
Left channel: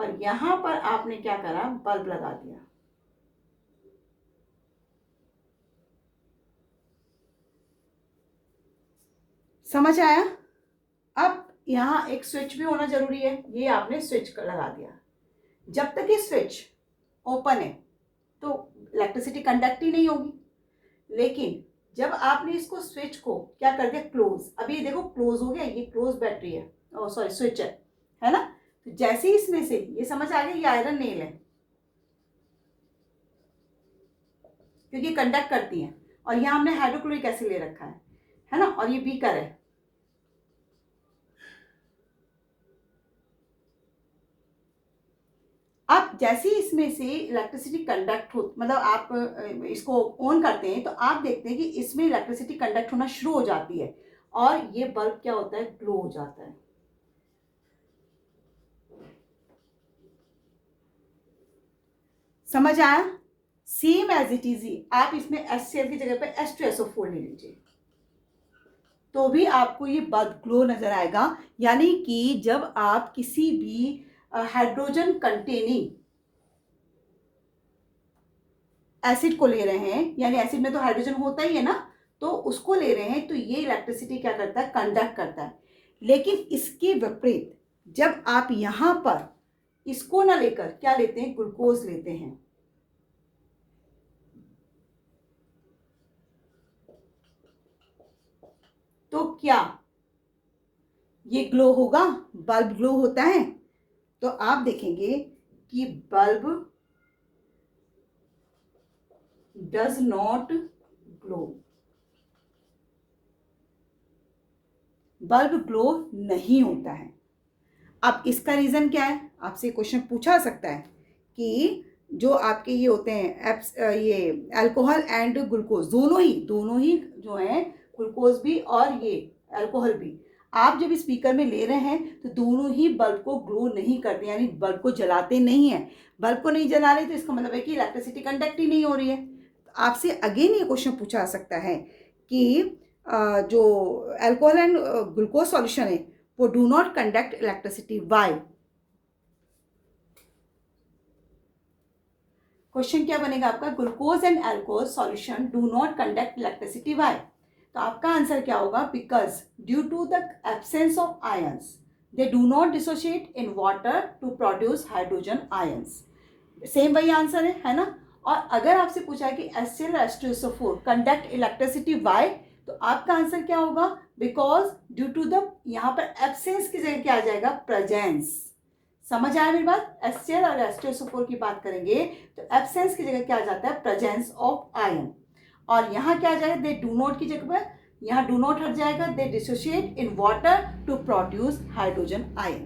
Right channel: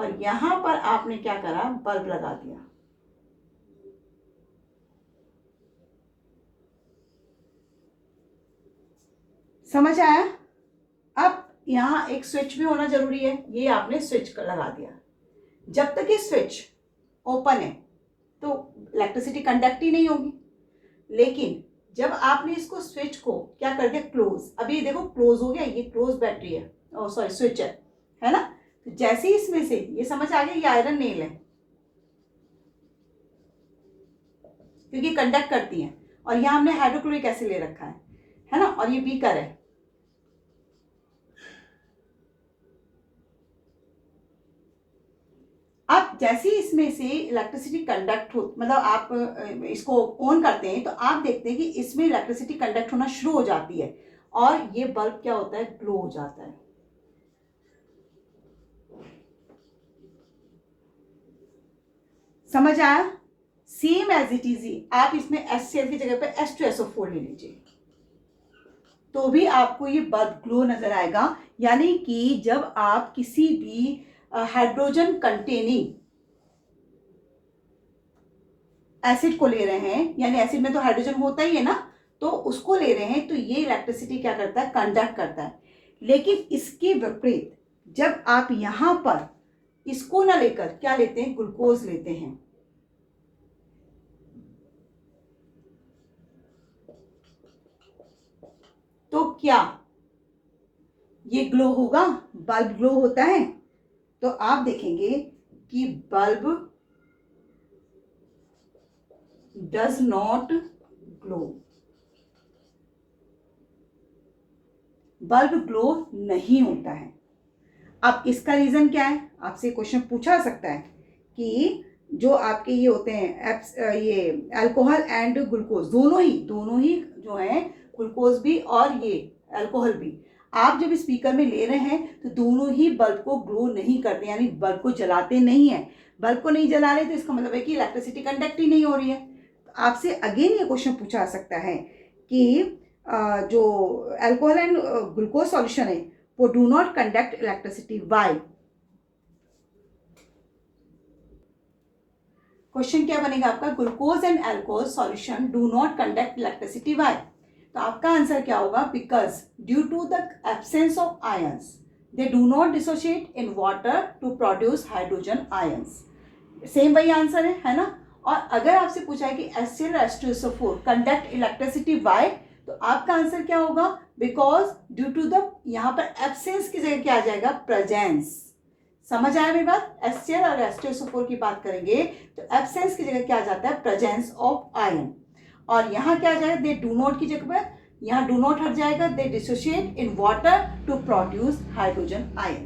और यहाँ पर आपने क्या करा, बल्ब लगा दिया। समझ आया? अब यहाँ एक स्विच भी होना जरूरी है, ये आपने स्विच लगा दिया। जब तक ये स्विच ओपन है तो इलेक्ट्रिसिटी कंडक्ट ही नहीं होगी, लेकिन जब आपने इसको स्विच को क्या कर दिया, क्लोज, अभी देखो क्लोज हो गया, ये क्लोज बैटरी है, सॉरी स्विच है ना। तो जैसे ही इसमें से ये समझ आ गया, ये आयरन नेल है क्योंकि कंडक्ट करती है, और यहाँ हमने हाइड्रोक्लोरिक एसिड ले रखा है ना, और ये बीकर है। अब जैसे ही इसमें से इलेक्ट्रिसिटी कंडक्ट हो, मतलब आप इसको ऑन करते हैं तो आप देखते हैं कि इसमें इलेक्ट्रिसिटी कंडक्ट होना शुरू हो जाती है और ये बल्ब क्या होता है, ग्लो हो जाता है। समझ आया? सेम एज इट इज आप इसमें HCl की जगह पर H2SO4 ले लीजिए तो भी आपको ये बल्ब ग्लो नजर आएगा। यानी कि जब आप किसी भी हाइड्रोजन कंटेनिंग एसिड को ले रहे हैं, यानी एसिड में तो हाइड्रोजन होता ही है ना, तो उसको ले रहे हैं तो ये इलेक्ट्रिसिटी क्या करता है, कंडक्ट करता है। लेकिन इसके विपरीत जब आप यहां पर इसको ना लेकर क्या लेते हैं, ग्लूकोज लेते हैं, तो क्या ये ग्लो होगा, बल्ब ग्लो होता है। तो आप देखेंगे कि bulb does not glow, bulb glow नहीं होता है। अब इसका रीजन क्या है, आपसे क्वेश्चन पूछा सकता है कि जो आपके ये होते हैं ये अल्कोहल एंड ग्लूकोज, दोनों ही जो है, ग्लूकोज भी और ये अल्कोहल भी, आप जब स्पीकर में ले रहे हैं तो दोनों ही बल्ब को ग्लो नहीं करते, यानी बल्ब को जलाते नहीं है। बल्ब को नहीं जला रहे तो इसका मतलब है कि इलेक्ट्रिसिटी कंडक्ट ही नहीं हो रही है। तो आपसे अगेन ये क्वेश्चन पूछा सकता है कि जो अल्कोहल एंड ग्लूकोज सॉल्यूशन है वो do not conduct electricity, why. Question क्या बनेगा आपका, glucose and alcohol solution do not conduct electricity, why. तो आपका आंसर क्या होगा, because due to the absence of ions they do not dissociate in water to produce hydrogen ions. Same वही answer है ना। और अगर आपसे पूछा है कि HCl और H2SO4 कंडक्ट इलेक्ट्रिसिटी, वाई, तो आपका आंसर क्या होगा, बिकॉज ड्यू टू द, यहाँ पर एब्सेंस की जगह क्या आ जाएगा, प्रेजेंस। समझ आया मेरी बात? HCl और H2SO4 की बात करेंगे तो एब्सेंस की जगह क्या आ जाता है, प्रेजेंस ऑफ आयन। और यहाँ क्या आ जाएगा, दे डू नॉट की जगह पर यहाँ डू नॉट हट जाएगा, they dissociate in water to produce hydrogen ion.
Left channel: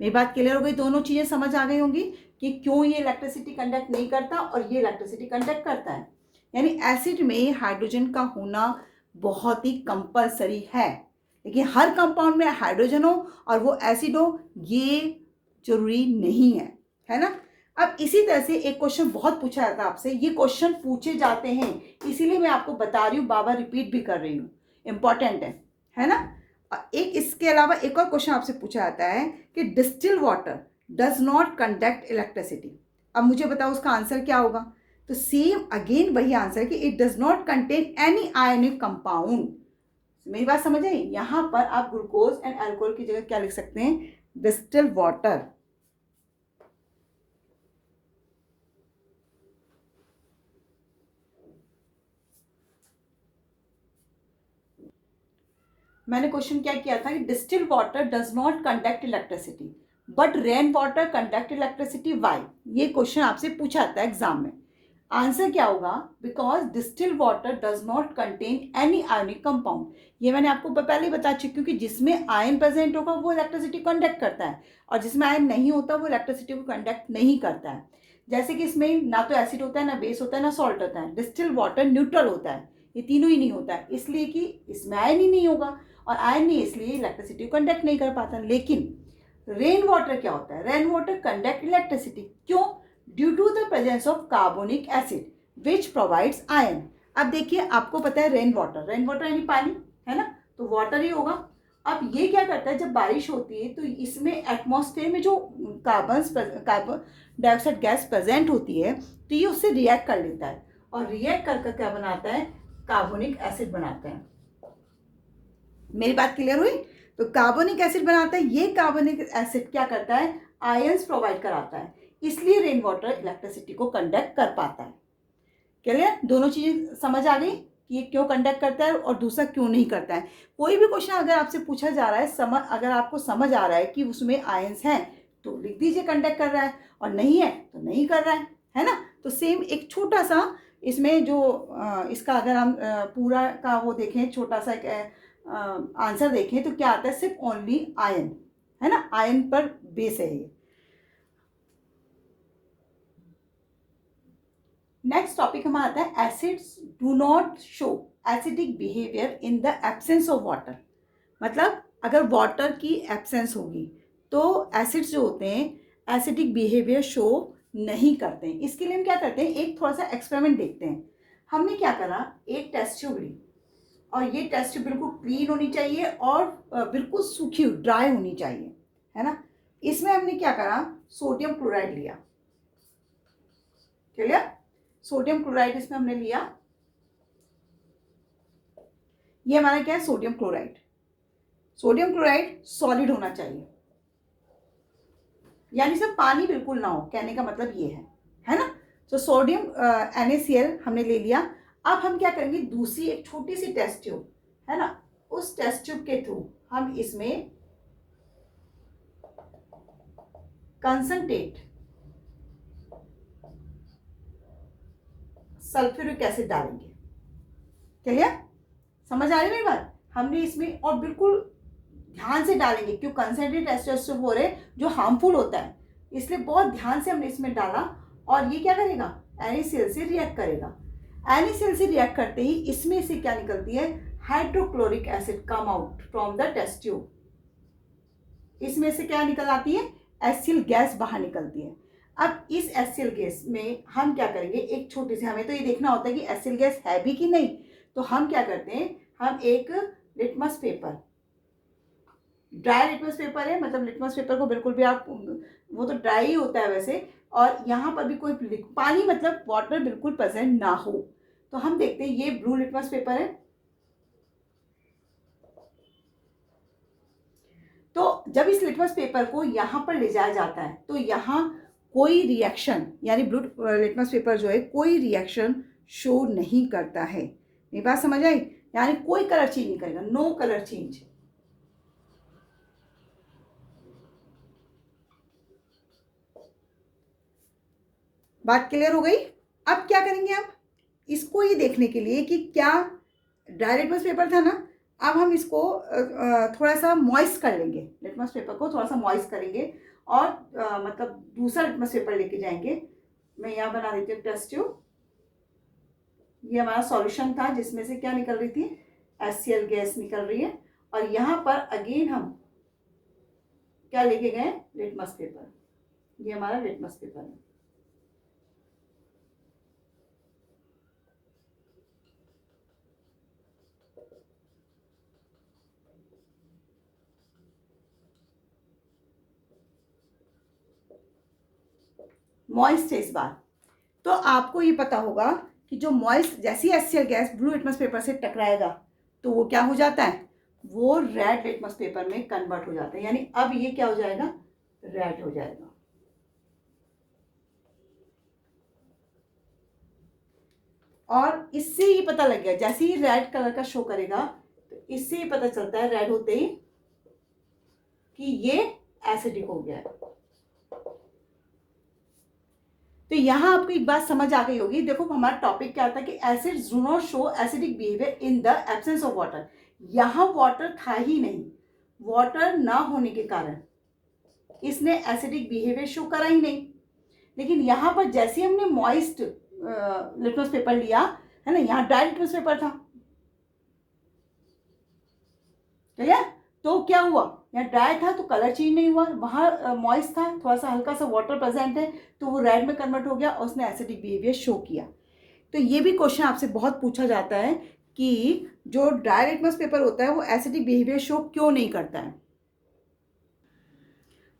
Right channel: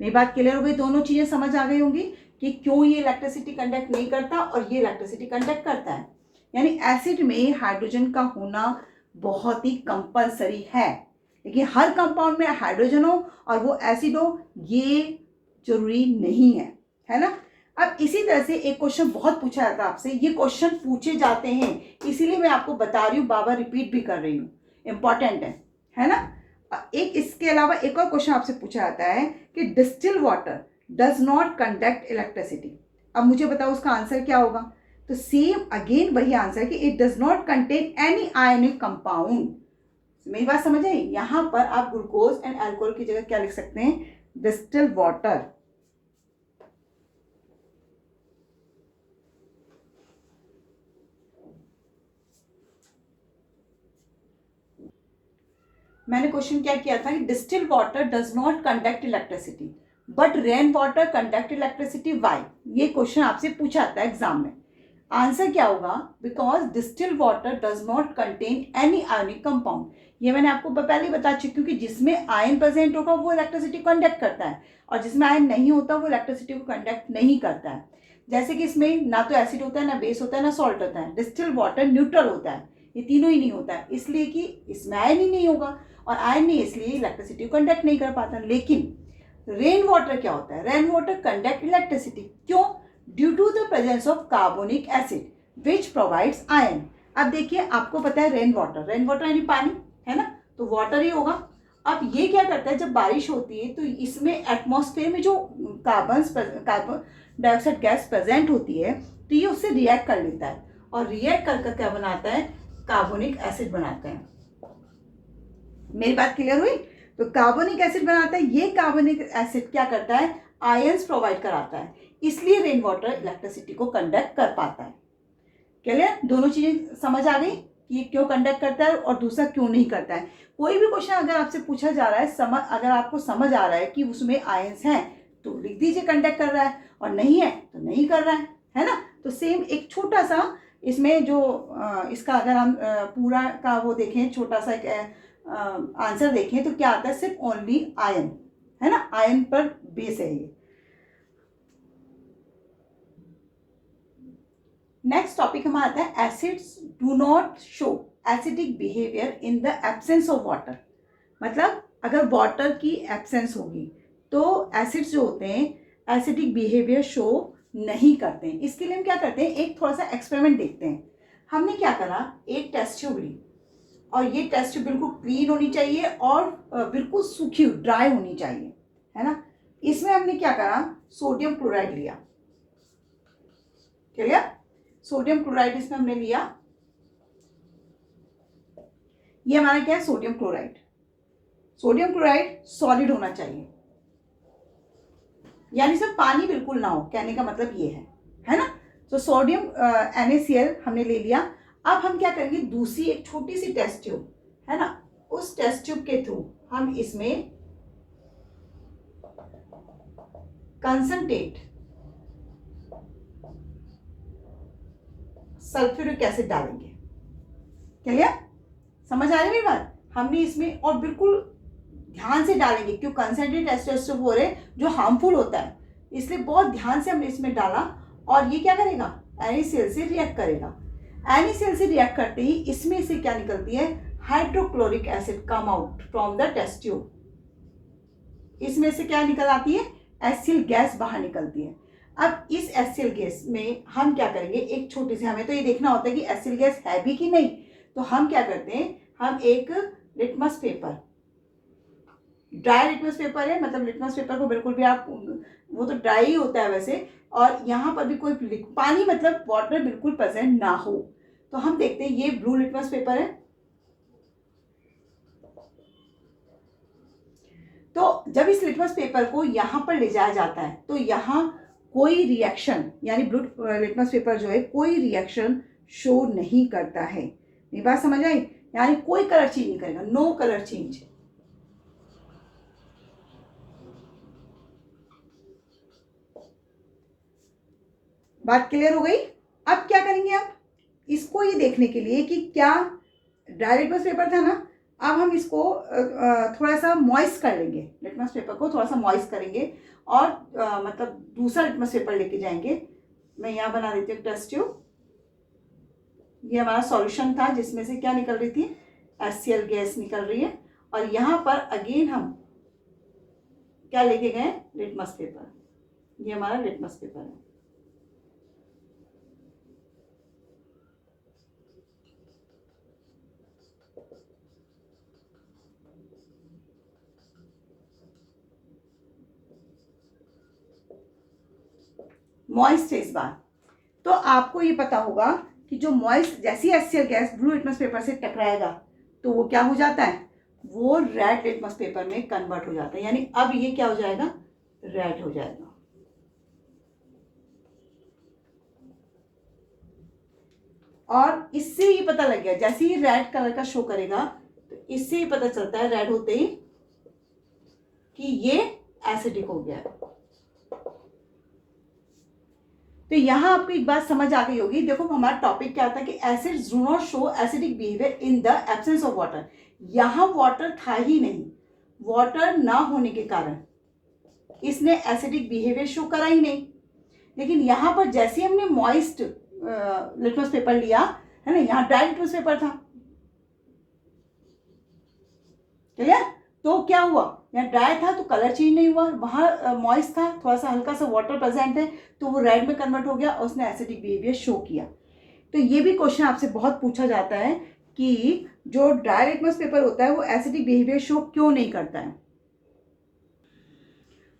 मेरी बात क्लियर हो गई? दोनों चीजें समझ आ गई होंगी कि क्यों ये इलेक्ट्रिसिटी कंडक्ट नहीं करता और ये इलेक्ट्रिसिटी कंडक्ट करता है। यानी एसिड में हाइड्रोजन का होना बहुत ही कंपलसरी है, लेकिन हर कंपाउंड में हाइड्रोजन हो और वो एसिड हो ये जरूरी नहीं है ना। अब इसी तरह से एक क्वेश्चन बहुत पूछा जाता है आपसे, ये क्वेश्चन पूछे जाते हैं इसीलिए मैं आपको बता रही हूँ, बाबा रिपीट भी कर रही हूँ, इंपॉर्टेंट है ना। एक इसके अलावा एक और क्वेश्चन आपसे पूछा जाता है कि distil water does not conduct electricity. अब मुझे बताओ उसका आंसर क्या होगा। तो सेम अगेन वही आंसर कि it does not contain any ionic compound. मेरी बात समझ आई? यहाँ पर आप ग्लूकोज एंड अल्कोहल की जगह क्या लिख सकते हैं, डिस्टिल वाटर। मैंने क्वेश्चन क्या किया था कि distil water does not conduct electricity but rain water conduct electricity, why. ये क्वेश्चन आपसे पूछा था एग्जाम में। आंसर क्या होगा, because distil water does not contain any ionic compound. ये मैंने आपको पहले ही बता चुकी हूँ कि जिसमें आयन प्रेजेंट होगा वो इलेक्ट्रिसिटी कंडक्ट करता है और जिसमें आयन नहीं होता वो इलेक्ट्रिसिटी को कंडक्ट नहीं करता है। जैसे कि इसमें ना तो एसिड होता है, ना बेस होता है, ना सॉल्ट होता है। डिस्टिल वाटर न्यूट्रल होता है, ये तीनों ही नहीं होता है, इसलिए कि इसमें आयन ही नहीं होगा और आयन नहीं, इसलिए इलेक्ट्रिसिटी को कंडक्ट नहीं कर पाता। लेकिन रेन वाटर क्या होता है, रेन वाटर कंडक्ट इलेक्ट्रिसिटी। क्यों? Due to the presence of carbonic acid which provides ion. अब देखिए आपको पता है रेन वाटर यानी पानी है ना, तो वाटर ही होगा। अब ये क्या करता है, जब बारिश होती है तो इसमें एटमॉस्फेयर में जो कार्बन डाइऑक्साइड गैस प्रेजेंट होती है तो ये उससे रिएक्ट कर लेता है और रिएक्ट कर क्या बनाता है, कार्बोनिक एसिड बनाता है। मेरी बात क्लियर हुई? तो कार्बोनिक एसिड बनाता है, ये कार्बोनिक एसिड क्या करता है, आयंस प्रोवाइड कराता है, इसलिए रेन वाटर इलेक्ट्रिसिटी को कंडक्ट कर पाता है। क्लियर? दोनों चीजें समझ आ गई कि ये क्यों कंडक्ट करता है और दूसरा क्यों नहीं करता है। कोई भी क्वेश्चन अगर आपसे पूछा जा रहा है, अगर आपको समझ आ रहा है कि उसमें आयंस हैं तो लिख दीजिए कंडक्ट कर रहा है, और नहीं है तो नहीं कर रहा है ना। तो सेम एक छोटा सा इसमें जो इसका अगर हम पूरा का वो देखें, छोटा सा एक आंसर देखें तो क्या आता है, सिर्फ ओनली आयन, है ना, आयन पर बेस है ये। नेक्स्ट टॉपिक हमारा आता है acids do not show acidic behaviour in the absence of water. मतलब अगर वाटर की एब्सेंस होगी तो एसिड्स जो होते हैं एसिडिक बिहेवियर शो नहीं करते हैं। इसके लिए हम क्या करते हैं, एक थोड़ा सा एक्सपेरिमेंट देखते हैं। हमने क्या करा, एक टेस्ट ट्यूब ली और ये टेस्ट ट्यूब बिल्कुल क्लीन होनी चाहिए और बिल्कुल सूखी ड्राई होनी चाहिए, है ना। इसमें हमने क्या करा, सोडियम क्लोराइड लिया। क्लियर? सोडियम क्लोराइड इसमें हमने लिया, ये हमारा क्या है, sodium chloride. Sodium chloride solid होना चाहिए, यानी सिर्फ पानी बिल्कुल ना हो, कहने का मतलब ये है ना। तो सोडियम NaCl हमने ले लिया। अब हम क्या करेंगे, दूसरी एक छोटी सी टेस्ट ट्यूब है ना, उस टेस्ट ट्यूब के थ्रू हम इसमें कंसंट्रेट सल्फ्यूरिक एसिड डालेंगे। क्लियर? समझ आ रही है मेरी बात? हमने इसमें और बिल्कुल ध्यान से डालेंगे क्यों, कंसंट्रेट एस्टोस्टेरोन जो हार्मफुल होता है, इसलिए बहुत ध्यान से हमने इसमें डाला। और ये क्या करेगा, NaCl से रिएक्ट करेगा। NaCl से रिएक्ट करते ही इसमें से क्या निकलती है, hydrochloric acid come out from the test tube. इसमें से क्या निकल आती है, एसिल गैस बाहर निकलती है। अब इस एसिल गैस में हम क्या करेंगे, एक छोटी सी, हमें तो ये देखना होता है कि एसिल गैस है भी कि नहीं, तो हम क्या करते हैं, हम एक litmus paper, dry litmus paper है, मतलब लिटमस पेपर को बिल्कुल भी आप, वो तो ड्राई ही होता है वैसे, और यहाँ पर भी कोई पानी मतलब वाटर बिल्कुल प्रेजेंट ना हो, तो हम देखते हैं ये ब्लू लिटमस पेपर है। तो जब इस लिटमस पेपर को यहाँ पर ले जाया जाता है तो यहाँ कोई रिएक्शन, यानी ब्लू लिटमस पेपर जो है कोई रिएक्शन शो नहीं करता है। मेरी बात समझ आई? यानी कोई कलर चेंज नहीं करेगा, नो कलर चेंज। बात क्लियर हो गई? अब क्या करेंगे, आप इसको ये देखने के लिए कि क्या ड्राई लिटमस पेपर था ना, अब हम इसको थोड़ा सा मॉइस्ट कर लेंगे, लिटमस पेपर को थोड़ा सा मॉइस्ट करेंगे और मतलब दूसरा लिटमस पेपर लेके जाएंगे। मैं यहाँ बना देती हूँ टेस्ट ट्यूब। ये हमारा सॉल्यूशन था जिसमें से क्या निकल रही थी, HCl गैस निकल रही है, और यहाँ पर अगेन हम क्या लेके गए, लिटमस पेपर। ये हमारा लिटमस पेपर है। मॉइस्ट है इस बार, तो आपको ये पता होगा कि जो मॉइस्ट, जैसी HCl gas blue litmus paper से टकराएगा तो वो क्या हो जाता है, वो रेड लिटमस पेपर में कन्वर्ट हो जाता है। यानी अब ये क्या हो जाएगा, रेड हो जाएगा। और इससे ही पता लग गया, जैसे ही रेड कलर का शो करेगा तो इससे ही पता चलता है रेड होते ही कि ये एसिडिक हो गया है। तो यहाँ आपको एक बात समझ आ गई होगी। देखो हमारा टॉपिक क्या था कि acids do not show acidic behaviour in the absence of water. यहाँ वाटर था ही नहीं, वाटर ना होने के कारण इसने एसिडिक बिहेवियर शो करा ही नहीं। लेकिन यहाँ पर जैसे हमने मॉइस्ट लिटमस पेपर लिया है ना, यहाँ ड्राई लिटमस पेपर था, क्लियर? तो क्या हुआ, यहाँ ड्राई था तो कलर चेंज नहीं हुआ, वहाँ मॉइस्ट था, थोड़ा सा हल्का सा वाटर प्रेजेंट है तो वो रेड में कन्वर्ट हो गया और उसने एसिडिक बिहेवियर शो किया। तो ये भी क्वेश्चन आपसे बहुत पूछा जाता है कि जो ड्राई लिटमस पेपर होता है वो एसिडिक बिहेवियर शो क्यों नहीं करता है।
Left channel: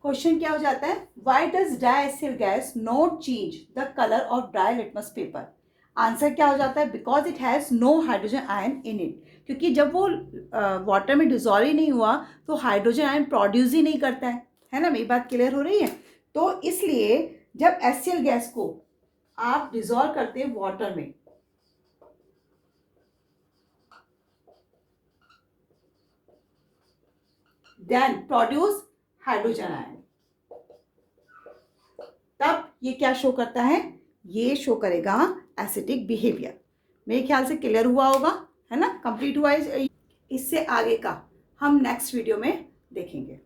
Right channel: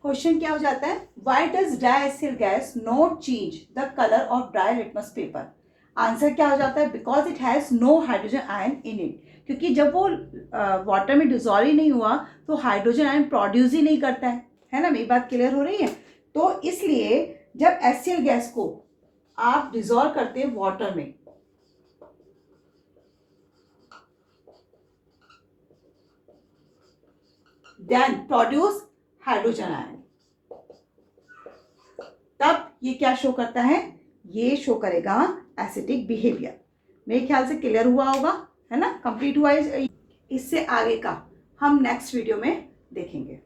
क्वेश्चन क्या हो जाता है, why does dry acid gas not change the colour of dry litmus paper. Answer क्या हो जाता है, because it has no hydrogen ion in it, क्योंकि जब वो वाटर में डिजोल्व ही नहीं हुआ तो हाइड्रोजन आयन प्रोड्यूस ही नहीं करता है ना। मेरी बात क्लियर हो रही है। तो इसलिए जब HCl गैस को आप डिजोल्व करते हैं वाटर में, देन प्रोड्यूस हाइड्रोजन आयन, तब ये क्या शो करता है, ये शो करेगा एसिडिक बिहेवियर। मेरे ख्याल से क्लियर हुआ होगा, है ना, कंप्लीट हुआ। इससे आगे का हम नेक्स्ट वीडियो में देखेंगे।